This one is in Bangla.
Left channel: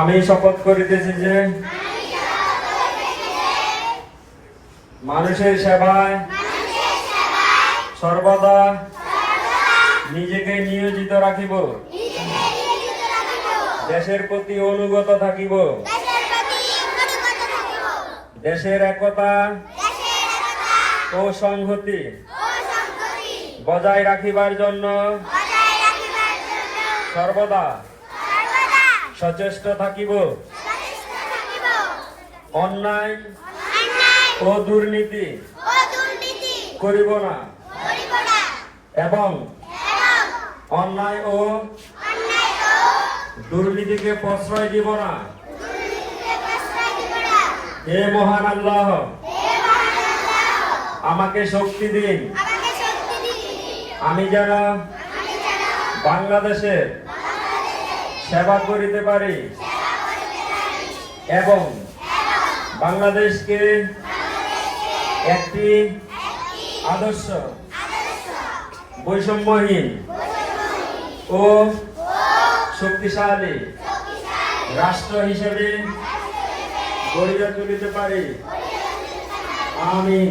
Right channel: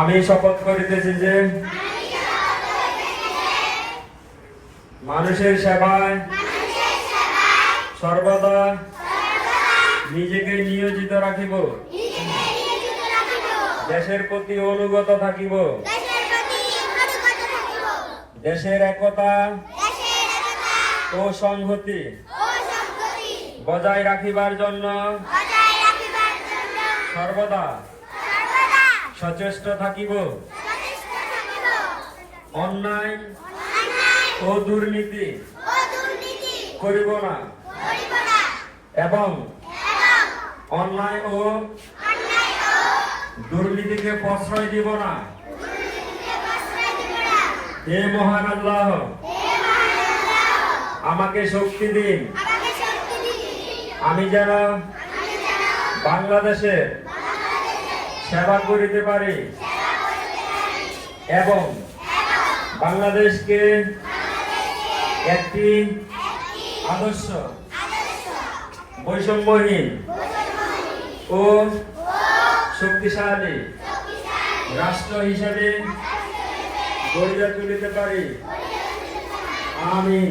আমি শপথ করিতেছি যে মানুষের সেবায় সর্বদা নিজেকে নিয়োজিত রাখিব, দেশের প্রতি অনুগত থাকিব, দেশের একতা ও সংহতি বজায় রাখিবার জন্য সর্বদা সচেষ্ট থাকিব, অন্যায় ও দুর্নীতি করিব না এবং অন্যায় ও দুর্নীতিকে প্রশ্রয় দিব না। হে মহান আল্লাহ, আমাকে শক্তি দিন, আমি যেন বাংলাদেশের সেবা করিতে পারি এবং বাংলাদেশকে একটি আদর্শ বৈষম্যহীন ও শক্তিশালী রাষ্ট্র হিসেবে গড়িয়া তুলিতে পারি। আমিন।